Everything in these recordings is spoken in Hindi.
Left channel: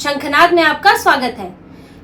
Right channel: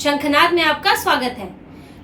शंखनाद में आपका स्वागत है।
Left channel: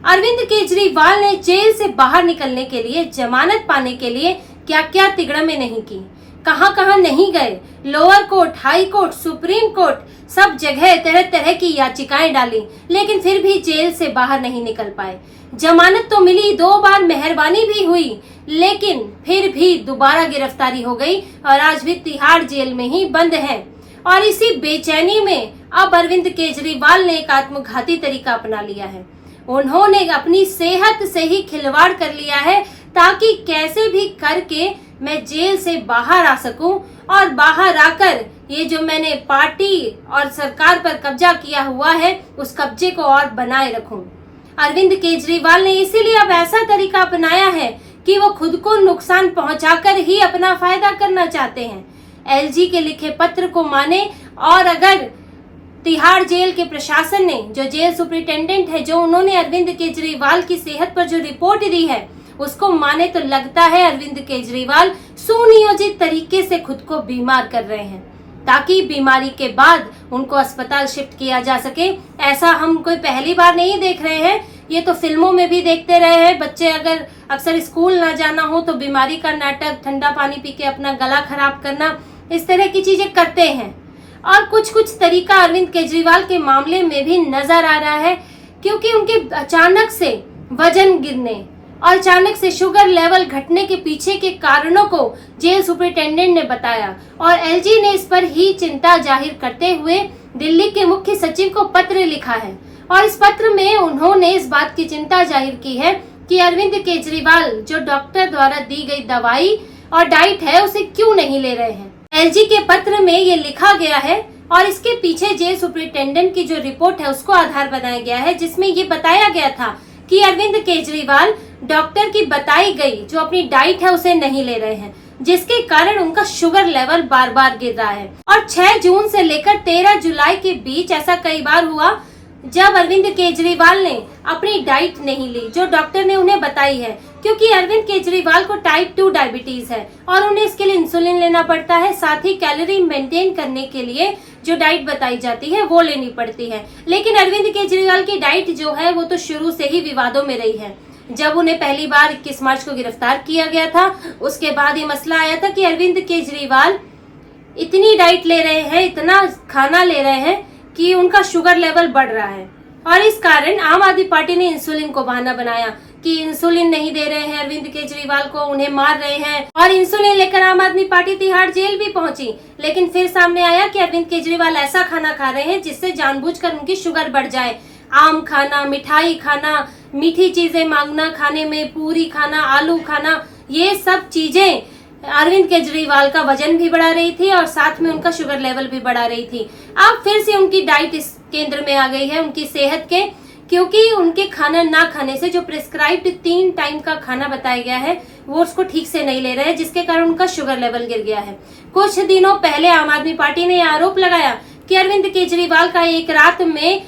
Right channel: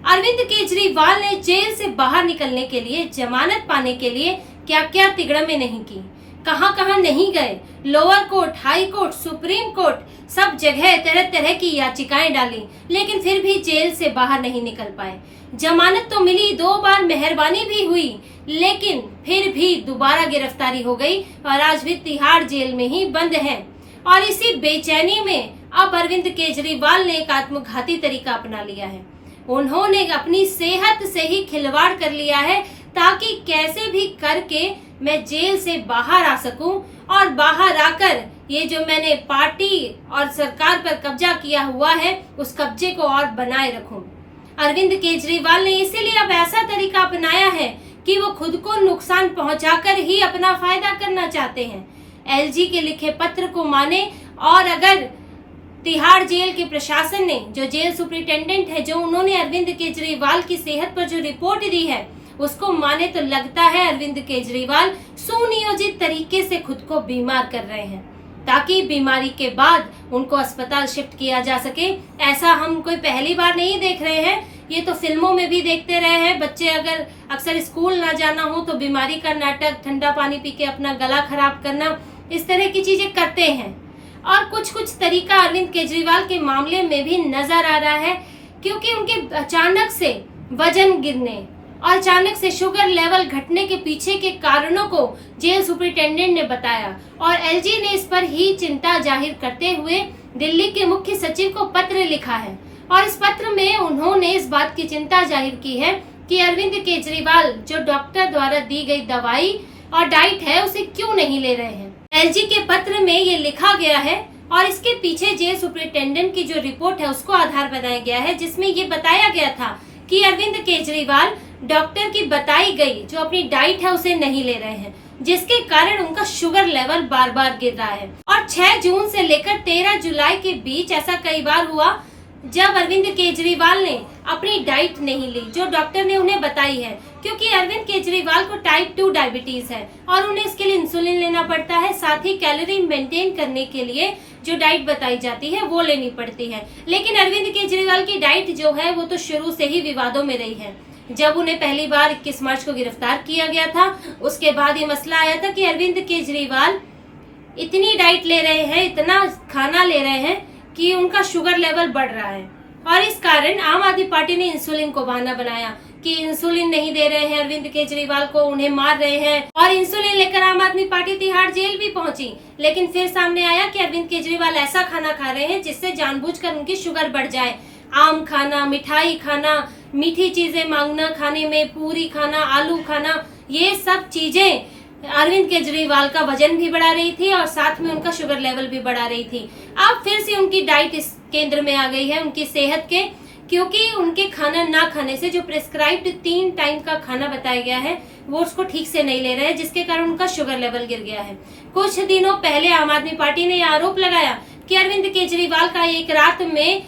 अरविंद केजरीवाल ने जेल से बाहर निकलने के लिए, जमानत पाने के लिए क्या क्या तिगड़में नहीं की, कहां कहां नहीं गए। Lower court, high court, supreme court, सब जगह तरह तरह की याचिकाएं डाली, लेकिन फिर भी जेल से बाहर नहीं निकल पाए। जमानत तो मिली, 2 बार मेहरबानी भी हुई, लेकिन फिर भी दोबारा गिरफ्तारी हो गई और आज भी तिहाड़ जेल में ही बंद हैं। और इसी बेचैनी में अब अरविंद केजरीवाल ने एक आत्मघाती तरीका अपना लिया है। उन्होंने अपनी सेहत से ही खिलवाड़ कर लिया है ताकि कैसे भी करके मैं जेल से बाहर आ सकूं और बाहर आकर ये जो मैंने पार्टी और सरकार पर कब्जा किया हुआ है उस कब्जे को और बनाए रखूं। अरविंद केजरीवाल ने इसीलिए अब ऐसा तरीका अपनाया है कि वो खुद को नुकसान पहुंचाकर ही अपना फायदा करना चाहते हैं। एलजी के लिखे पत्र को माने और अगर तिहाड़ जेल के प्रशासन ने, जो जेल सुपरिटेंडेंट है, जो उन्होंने अरविंद केजरीवाल की सेहत पर जो रिपोर्ट दी है उसको माने तो लगता है अरविंद केजरीवाल सुनियोजित तरीके से खुद को बीमार कर रहे हैं ताकि बीमारी के बाद उनको अस्पताल शिफ्ट किया जा सके। ऐसा हम कोई पहली बार नहीं देख रहे हैं, ये तो फिल्मों में भी देखते रहे हैं। बच्चे अगर अक्सर स्कूल ना जाना हो तो बीमारी का नाटक, ठंडा पानी पी के अपना गला खराब करना, इस तरह की चीजें करते हैं। और कुछ तरीका अरविंद केजरीवाल के मामले में भी नजर आ रहा है, क्योंकि उनके अचानक से वजन गिरने और अचानक से शुगर लेवल घटने के पीछे के कारणों को जेल सुपरिटेंडेंट ने बताया और एलजी ने इस पर ही चिंता जाहिर करते हुए दिल्ली के मुख्य सचिव को पत्र लिखा है। और इस पत्र में उन्होंने इस बात की चिंता जाहिर की है कि अरविंद केजरीवाल जो डॉक्टर द्वारा दी गई दवाई और डाइट है उसे क्यों नहीं ले रहे हैं। एलजी के पत्र में ये लिखा गया है और इसके पीछे जेल सुपरिटेंडेंट की जो रिपोर्ट है उसको आधार बनाया गया है, जिसमें ये बताया गया था कि अरविंद केजरीवाल डॉक्टर की बताई गई जो अपनी डाइट है उसे नहीं ले रहे हैं, जिसके कारण उनका शुगर लेवल बार बार गिर रहा है। और 6 जून से लेकर 13 जुलाई के बीच ऐसा कई बार हुआ जब अरविंद केजरीवाल ने अपनी डाइट नहीं ली जो डॉक्टर ने उन्हें बताई है, क्योंकि अरविंद केजरीवाल को टाइप 2 डायबिटीज है और उन्हें इसके लिए इंसुलिन लेना पड़ता है, साथ ही कैलोरी मेंटेन करने के लिए जो डाइट बताई जाती है वो लेनी पड़ती है। लेकिन अरविंद केजरीवाल की डाइट जो है वो तो शुरू से ही विवादों में रही है। जब उन्हें पहली बार 21 मार्च को गिरफ्तार किया गया था उसके बाद ये मसला आया था कि अरविंद केजरीवाल इतनी डाइट ले रहे हैं, इतना खाना ले रहे हैं कि उनका शुगर लेवल बढ़ रहा है। और इस कारण आम आदमी पार्टी ने इंसुलिन को बहाना बनाया कि इंसुलिन नहीं दे रहे हैं अरविंद केजरीवाल को, उन्हें मार रहे हैं। और इंसुलिन लेकर आम आदमी पार्टी तिहाड़ जेल भी पहुंची, लेकिन फिर सामने आया कि अरविंद केजरीवाल ऐसा खाना खा रहे हैं जिससे जानबूझकर उनकी शुगर बढ़ जाए। आम खाना, मिठाई खाना, मीठी चीजें मांगना खाने में, पूरी खाना, आलू खाना, ये सब चीजें अरविंद केजरीवाल का वजन भी बढ़ा रही थी और साथ में उनका शुगर लेवल भी बढ़ा रही थी। अब फिर से उनकी डाइट इस केंद्र में आ गई है उनकी सेहत के, क्योंकि उनके खाना ना खाने से जो प्रिस्क्राइब्ड 3 टाइम का खाना बताया गया है वो उसको ठीक से नहीं ले रहे हैं, जिसके कारण उनका शुगर लेवल गिर गया है। कुछ दिनों पहले आम आदमी पार्टी ने आरोप लगाया कि अरविंद केजरीवाल का एक रात में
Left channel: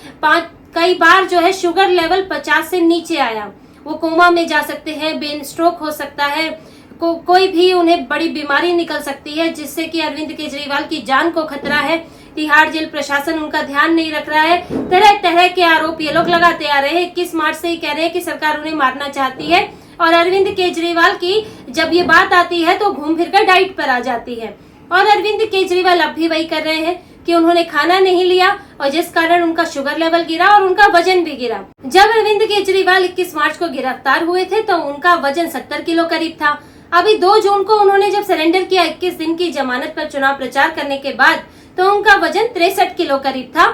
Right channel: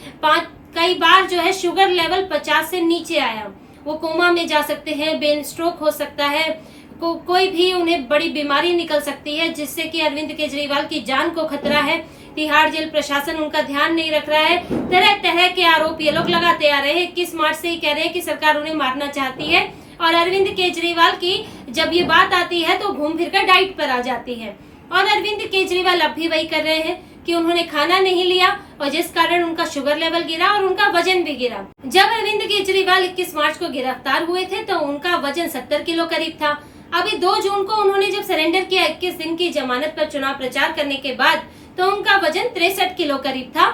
कई बार जो है शुगर लेवल 50 से नीचे आया। वो कोमा में जा सकते हैं, ब्रेन स्ट्रोक हो सकता है, कोई भी उन्हें बड़ी बीमारी निकल सकती है जिससे कि अरविंद केजरीवाल की जान को खतरा है। तिहाड़ जेल प्रशासन उनका ध्यान नहीं रख रहा है। तरह तरह के आरोप ये लोग लगाते आ रहे हैं। 21 मार्च से ही कह रहे हैं कि सरकार उन्हें मारना चाहती है और अरविंद केजरीवाल की जब ये बात आती है तो घूम फिर कर डाइट पर आ जाती है। और अरविंद केजरीवाल अब भी वही कर रहे हैं कि उन्होंने खाना नहीं लिया और जिस कारण उनका शुगर लेवल गिरा और उनका वजन भी गिरा। जब अरविंद केजरीवाल 21 मार्च को गिरफ्तार हुए थे तो उनका वजन 70 किलो करीब था। अभी 2 जून को उन्होंने जब सरेंडर किया 21 दिन की जमानत पर चुनाव प्रचार करने के बाद, तो उनका वजन 63 किलो करीब था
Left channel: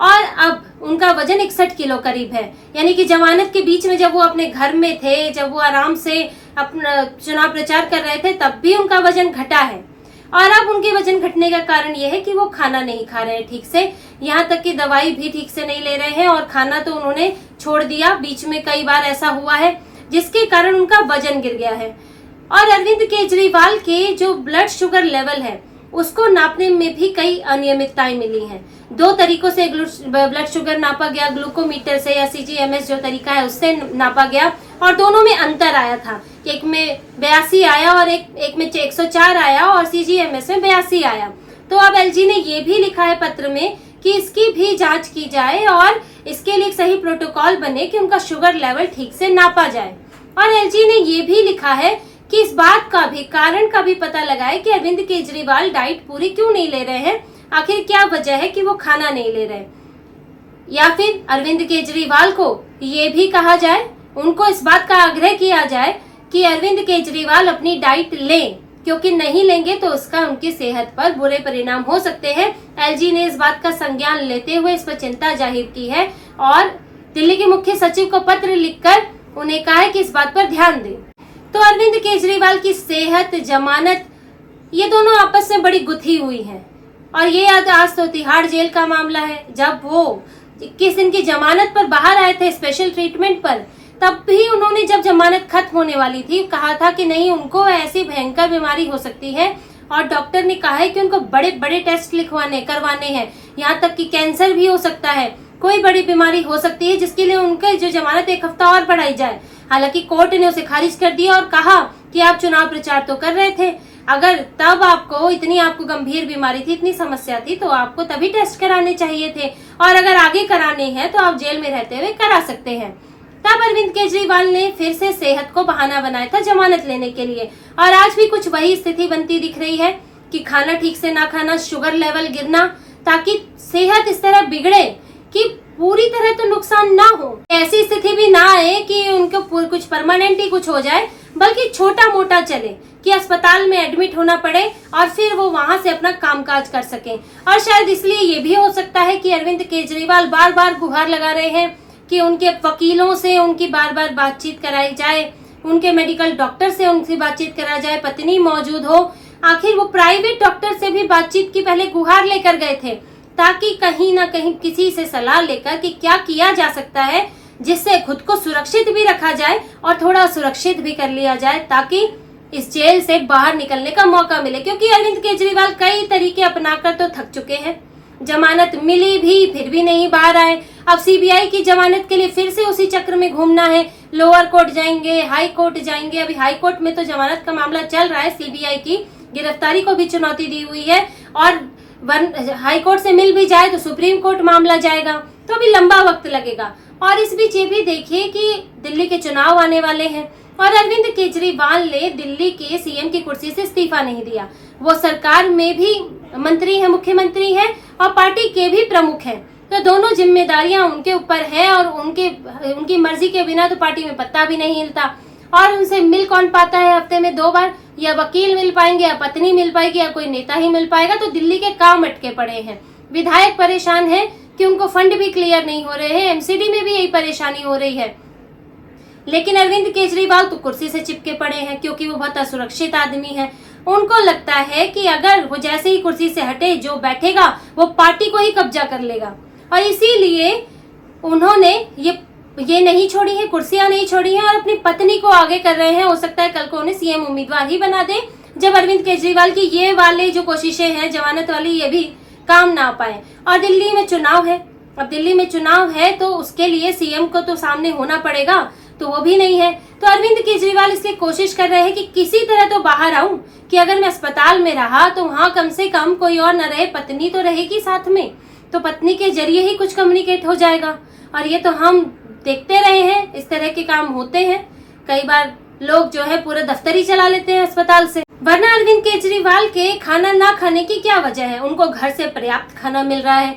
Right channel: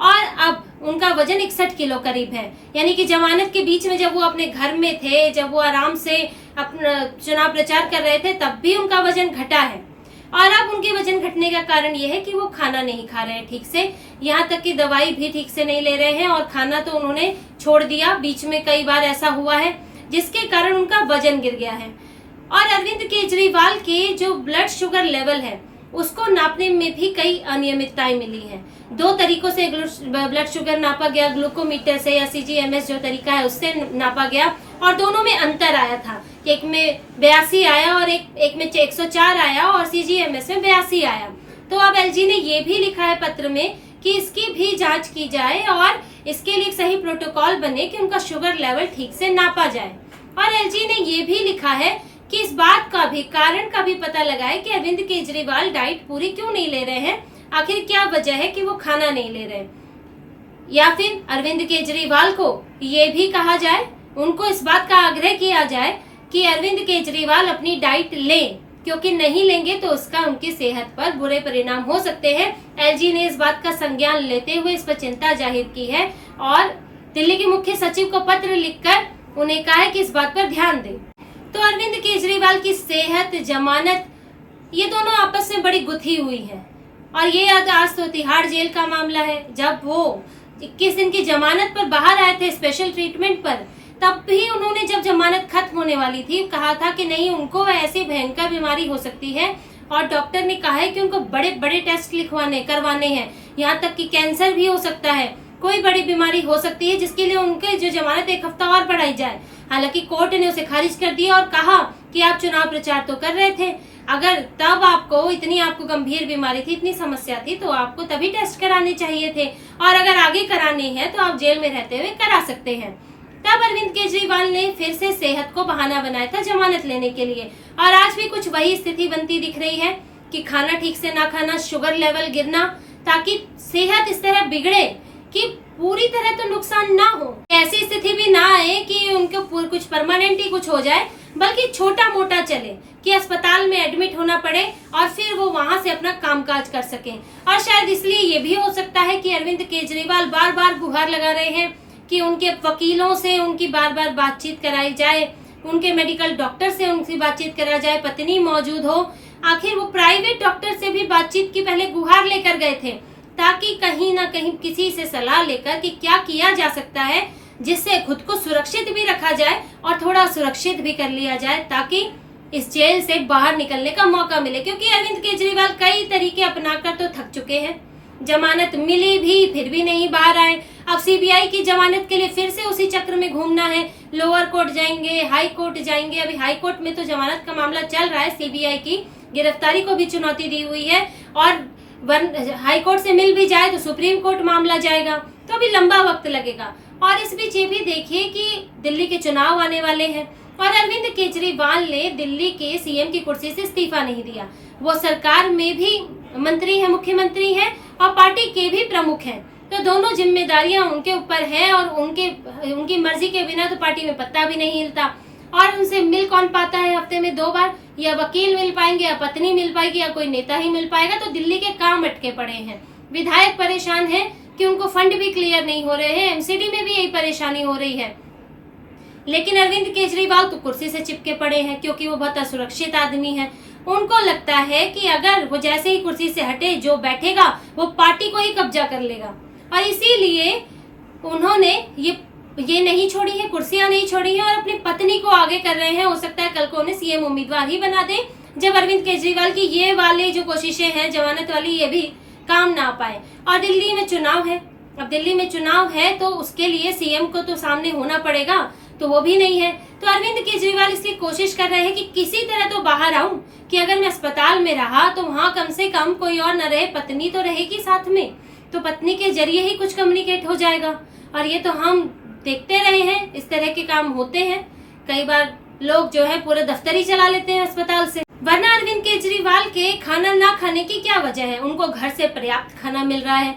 और अब उनका वजन 61 किलो करीब है। यानी कि जमानत के बीच में जब वो अपने घर में थे, जब वो आराम से अपना चुनाव प्रचार कर रहे थे, तब भी उनका वजन घटा है। और अब उनके वजन घटने का कारण यह है कि वो खाना नहीं खा रहे हैं ठीक से, यहाँ तक कि दवाई भी ठीक से नहीं ले रहे हैं और खाना तो उन्होंने छोड़ दिया। बीच में कई बार ऐसा हुआ है जिसके कारण उनका वजन गिर गया है। और अरविंद केजरीवाल के जो ब्लड शुगर लेवल है उसको नापने में भी कई अनियमितताएं मिली हैं। 2 तरीकों से ब्लड शुगर नापा गया, ग्लूकोमीटर से या CGMS जो तरीका है उससे नापा गया और दोनों में अंतर आया था। एक में 82 आया और एक में 104 आया और CGMS में 82 आया। तो अब एलजी ने ये भी लिखा है पत्र में कि इसकी भी जांच की जाए और इसके लिए एक सही प्रोटोकॉल बने कि उनका शुगर लेवल ठीक से नापा जाए। और एलजी ने ये भी लिखा है कि इस बात का भी कारण का भी पता लगाए कि अरविंद केजरीवाल डाइट पूरी क्यों नहीं ले रहे हैं, आखिर क्या वजह है कि वो खाना नहीं ले रहे। या फिर अरविंद केजरीवाल को ये भी कहा जाए, उनको इस बात का आग्रह किया जाए कि अरविंद केजरीवाल अपनी डाइट लें, क्योंकि नहीं लेंगे तो उसका उनकी सेहत पर बुरे परिणाम हो सकते हैं। एलजी ने इस बात का संज्ञान लेते हुए इस पर चिंता जाहिर की है और दिल्ली के मुख्य सचिव को पत्र लिखकर उन्हें कहा है कि इस बात पर ध्यान दें। तो अरविंद केजरीवाल की सेहत, जमानत, ये दोनों आपस में बड़ी गुथी हुई है। और ये आज तो तिहाड़ जेल का मामला है। जब वो 21 दिन की जमानत पर बाहर आए थे स्पेशल ट्रीटमेंट पर, तब भी उन्होंने जब जमानत खत्म होने वाली थी कहा था कि नहीं, उनको ऐसी भयंकर बीमारी हो सकती है और डॉक्टर ने कहा है कि उनको बड़े बड़े टेस्ट करवाने हैं, यहाँ तक कि कैंसर भी हो सकता है, कोई बड़ी बीमारी हो सकती है जिसके लिए उनके जो जमानत 1 हफ्ता और बढ़ाई जाए। हालांकि कोर्ट ने उसे खारिज कर दिया और कहा कि आप चुनाव प्रचार तो कर रहे थे, अगर तब आपको गंभीर बीमारी थी, इतनी समस्या थी, तो आपको तभी टेस्ट कराने चाहिए थे, और अगर आगे कराने हैं तो आप जेल में रहते हुए करा सकते हैं। तब अरविंद केजरीवाल ने फिर से सेहत को बहाना बनाया था जमानत लेने के लिए। और आज भी कुछ वही स्थिति बनती दिख रही है कि खाना ठीक से ना खाना, शुगर लेवल गिरना, ताकि सेहत इस तरह बिगड़े कि पूरी तरह तो नुकसान ना हो, ऐसी स्थिति भी ना आए कि उनको कुछ परमानेंट ही कुछ हो जाए, बल्कि छोटा मोटा चले कि अस्पताल में एडमिट होना पड़े और फिर वो वहां से अपना कामकाज कर सकें। और शायद इसलिए ये भी हो सकता है कि अरविंद केजरीवाल बार बार गुहार लगा रहे हैं कि उनके वकीलों से उनकी बार बार बातचीत कराई जाए, उनके मेडिकल डॉक्टर से उनकी बातचीत कराई जाए, पत्नी मौजूद हो। आखिर वो प्राइवेट डॉक्टर से भी बातचीत की पहले गुहार लेकर गए थे, ताकि कहीं ना कहीं किसी से सलाह लेकर कि क्या किया जा सकता है जिससे खुद को सुरक्षित भी रखा जाए और थोड़ा सुरक्षित भी कर लिया जाए, ताकि इस जेल से बाहर निकलने का मौका मिले। क्योंकि अरविंद केजरीवाल कई तरीके अपनाकर तो थक चुके हैं, जमानत मिली भी फिर भी नहीं बाहर आए। अब सीबीआई की जमानत के लिए फिर से उसी चक्र में घूमना है, लोअर कोर्ट जाएंगे, हाई कोर्ट जाएंगे। अभी हाई कोर्ट में तो जमानत का मामला चल रहा है, सीबीआई की गिरफ्तारी को भी चुनौती दी हुई है, और हाई कोर्ट से मिल भी जाए तो सुप्रीम कोर्ट मामला जाएगा, तो अभी लंबा वक्त लगेगा। और इस बीच ये भी देखिए कि दिल्ली के चुनाव आने वाले हैं और अरविंद केजरीवाल ने दिल्ली के सीएम की कुर्सी से इस्तीफा नहीं दिया। वो सरकार में भी मंत्री है, मुख्यमंत्री है और पार्टी के भी प्रमुख हैं, तो दोनों जिम्मेदारियां उनके ऊपर है और उनकी मर्जी के बिना तो पार्टी में पत्ता भी नहीं हिलता। और उनसे मिल कौन पाता है हफ्ते में 2 बार? या वकील मिल पाएंगे, या पत्नी मिल पाएगी, या कोई नेता ही मिल पाएगा। तो दिल्ली के काम अटके पड़े हैं, विधायक परेशान है कि उनको फंड भी क्लियर नहीं हो रहे हैं, एमसीडी में भी यही परेशानी हो रही है। लेकिन अरविंद केजरीवाल तो कुर्सी से चिपके पड़े हैं, क्योंकि वो बहुत असुरक्षित आदमी है। उनको लगता है कि अगर वो जैसे ही कुर्सी से हटे, जो बैठेगा वो पार्टी को ही कब्जा कर लेगा, और इसीलिए उन्होंने ये नहीं छोड़ी है, कुर्सियां नहीं छोड़ी हैं और अपनी पत्नी को आगे कर रहे हैं। हो सकता है कल को उन्हें सीएम उम्मीदवार ही बना दे, जब अरविंद केजरीवाल की ये वाले जो कोशिशें हैं जमानत वाली, ये भी काम ना पाए। और दिल्ली में चुनाव है, अब दिल्ली में चुनाव है तो उसके लिए सीएम को तो सामने होना पड़ेगा, तो वो भी नहीं है। तो अरविंद केजरीवाल इसलिए कोशिश कर रहे हैं कि किसी तरह तो बाहर आऊं, कि अगर मैं अस्पताल में रहा तो वहां कम से कम कोई और न रहे, पत्नी तो रहेगी साथ में, तो पत्नी के जरिए ही कुछ कम्युनिकेट हो जाएगा। और ये तो हम देखते रहे हैं, इस तरह के काम होते हैं। कई बार लोग जो है पूरा दफ्तर ही चला लेते हैं अस्पताल से। वरना अरविंद केजरीवाल के खाना ना खाने की क्या वजह है? उनको घर से पर्याप्त खाना मिल रहा है,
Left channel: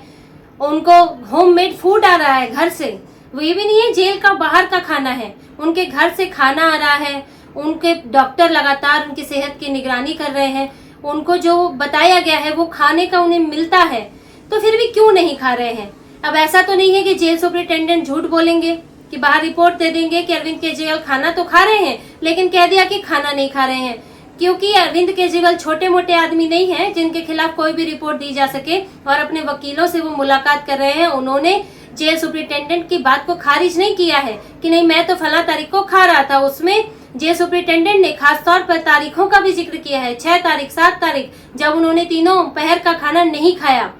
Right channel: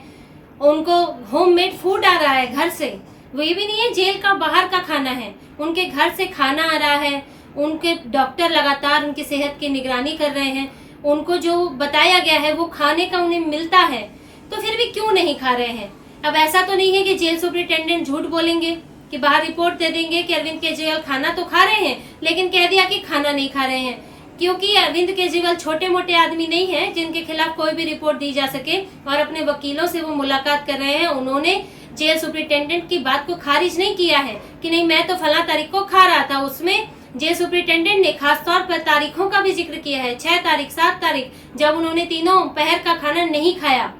उनको होममेड फूड आ रहा है घर से। वो ये भी नहीं है जेल का बाहर का खाना है, उनके घर से खाना आ रहा है। उनके डॉक्टर लगातार उनकी सेहत की निगरानी कर रहे हैं, उनको जो बताया गया है वो खाने का उन्हें मिलता है, तो फिर भी क्यों नहीं खा रहे हैं? अब ऐसा तो नहीं है कि जेल सुपरिटेंडेंट झूठ बोलेंगे कि बाहर रिपोर्ट दे देंगे कि अरविंद केजरीवाल खाना तो खा रहे हैं, लेकिन कह दिया कि खाना नहीं खा रहे हैं। क्योंकि अरविंद केजरीवाल छोटे मोटे आदमी नहीं है जिनके खिलाफ कोई भी रिपोर्ट दी जा सके, और अपने वकीलों से वो मुलाकात कर रहे हैं। उन्होंने जेल सुपरिटेंडेंट की बात को खारिज नहीं किया है कि नहीं मैं तो फला तारीख को खा रहा था। उसमें जेल सुपरिटेंडेंट ने खास तौर पर तारीखों का भी जिक्र किया है, 6 तारीख, 7 तारीख, जब उन्होंने तीनों पहर का खाना नहीं खाया।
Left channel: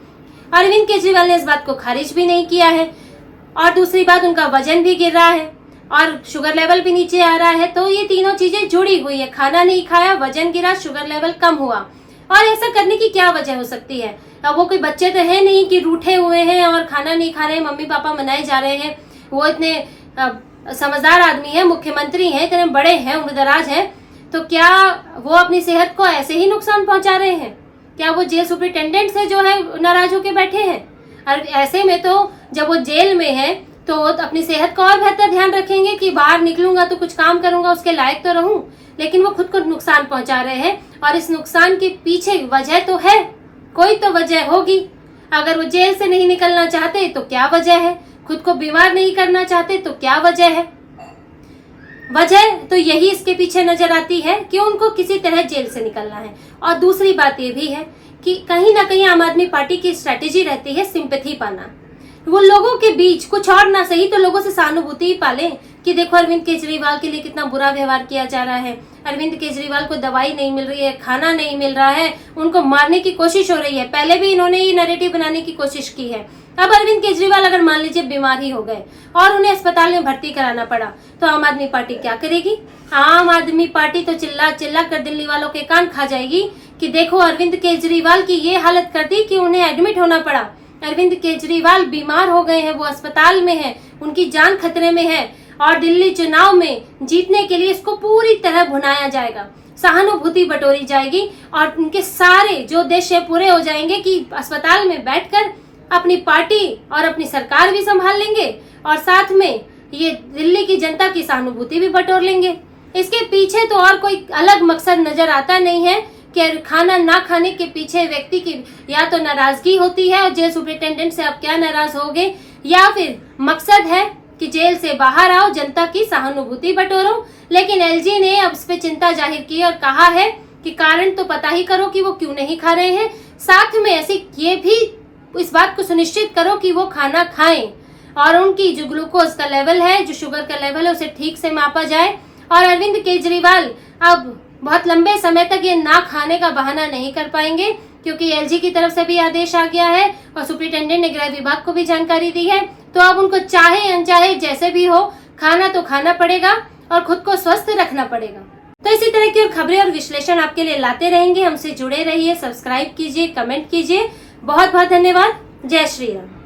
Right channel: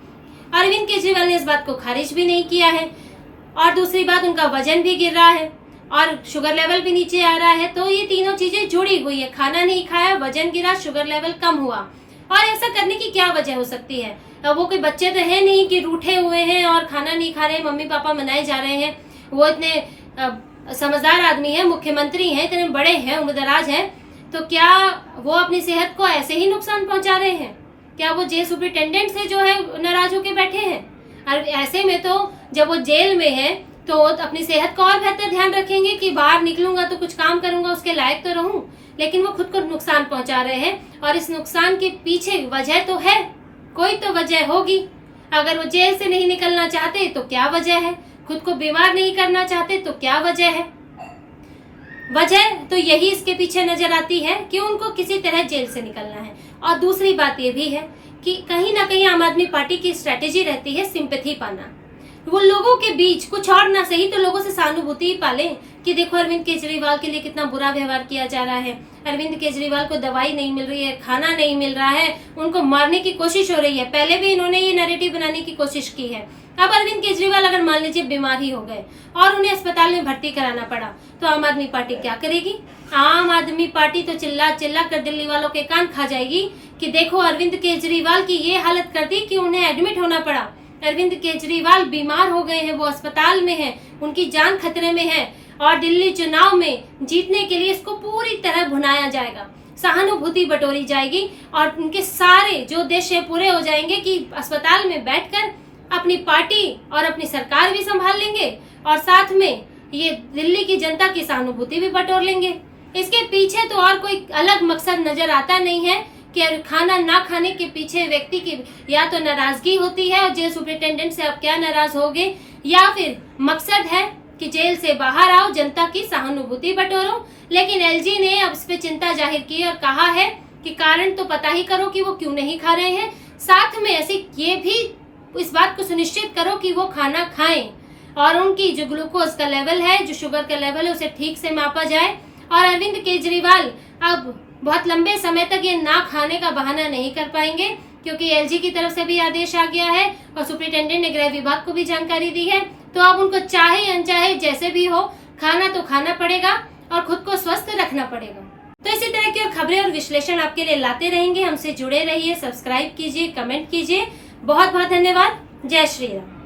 अरविंद केजरीवाल ने इस बात को खारिज भी नहीं किया है। और दूसरी बात, उनका वजन भी गिर रहा है और शुगर लेवल भी नीचे आ रहा है। तो ये तीनों चीजें जुड़ी हुई है, खाना नहीं खाया, वजन गिरा, शुगर लेवल कम हुआ। और ऐसा करने की क्या वजह हो सकती है? अब वो कोई बच्चे तो है नहीं कि रूठे हुए हैं और खाना नहीं खा रहे हैं, मम्मी पापा मनाए जा रहे हैं। वो इतने समझदार आदमी है, मुख्यमंत्री हैं, इतने बड़े हैं, उम्रदराज हैं, तो क्या वो अपनी सेहत को ऐसे ही नुकसान पहुंचा रहे हैं? क्या वो जेल सुपरिटेंडेंट से जो है नाराज होकर बैठे हैं? और ऐसे में तो जब वो जेल में है तो अपनी सेहत का और बेहतर ध्यान रखेंगे कि बाहर निकलूंगा तो कुछ काम करूंगा, उसके लायक तो रहूं। लेकिन वो खुद को नुकसान पहुंचा रहे हैं, और इस नुकसान के पीछे वजह तो है, कोई तो वजह होगी। अगर वो जेल से नहीं निकलना चाहते तो क्या वजह है? खुद को बीमार नहीं करना चाहते तो क्या वजह है? वजह तो यही इसके पीछे नजर आती है कि उनको किसी तरह जेल से निकलना है। और दूसरी बात ये भी है कि कहीं ना कहीं आम आदमी पार्टी की स्ट्रेटेजी रहती है सिंपैथी पाना। वो लोगों के बीच कुछ और ना सही तो लोगों से सहानुभूति ही पाले कि देखो अरविंद केजरीवाल के लिए कितना बुरा व्यवहार किया जा रहा है, अरविंद केजरीवाल को दवाई नहीं मिल रही है, खाना नहीं मिल रहा है, उनको मारने की कोशिश हो रही है। पहले भी इन्होंने ये नैरेटिव बनाने की कोशिश की है। अब अरविंद केजरीवाल अगर मान लीजिए बीमार ही हो गए और उन्हें अस्पताल में भर्ती कराना पड़ा तो आम आदमी पार्टी क्या करेगी? आम आदमी पार्टी तो चिल्ला चिल्ला कर दिल्ली वालों के कान खा जाएगी कि देखो अरविंद केजरीवाल की ये हालत कर दी कि उन्हें एडमिट होना पड़ा, अरविंद केजरीवाल बीमार हो गए हैं, वो अस्पताल में हैं, उनकी जान खतरे में है, और दिल्ली चुनाव में जीतने के लिए इसको पूरी तरह भुनाया जाएगा, सहानुभूति बटोरी जाएगी और उनके सारे जो उद्देश्य पूरे हो जाएंगे कि अस्पताल में बैठकर अपनी पार्टी और अपनी सरकार भी संभाल लेंगे और साथ में ये दिल्ली की जनता की सहानुभूति भी बटोर लेंगे। इसके पीछे तो और कोई अलग मकसद नजर आता नहीं है कि खाना ना खाने के पीछे व्यक्ति की या तो नाराजगी होती है और जेल सुपरिटेंडेंट से आप क्या नाराज होगे, या फिर मकसद है कि जेल से बाहर आओ, जनता की सहानुभूति बटोरो। लेकिन एलजी ने अब इस पे चिंता जाहिर की और कहा है कि कारण तो पता ही करो कि वो क्यों नहीं खा रहे हैं, साथ में ऐसे ये भी इस बात को सुनिश्चित करो कि वो खाना खाएं और उनकी जो ग्लूकोज का लेवल है, जो शुगर का लेवल है, उसे ठीक से मापा जाए। और अरविंद केजरीवाल अब बहुत लंबे समय तक ये ना खाने का बहाना नहीं कर पाएंगे क्योंकि एलजी की तरफ से भी आदेश आ गया है और सुपरिटेंडेंट ने गृह विभाग को भी जानकारी दी है। तो अब उनको चाहे अनचाहे जैसे भी हो खाना तो खाना पड़ेगा और खुद को स्वस्थ रखना पड़ेगा। तो इसी तरह की और खबरें और विश्लेषण आपके लिए लाते रहेंगे। हमसे जुड़े रहिए, सब्सक्राइब कीजिए, कमेंट कीजिए। बहुत बहुत धन्यवाद। जय श्री राम।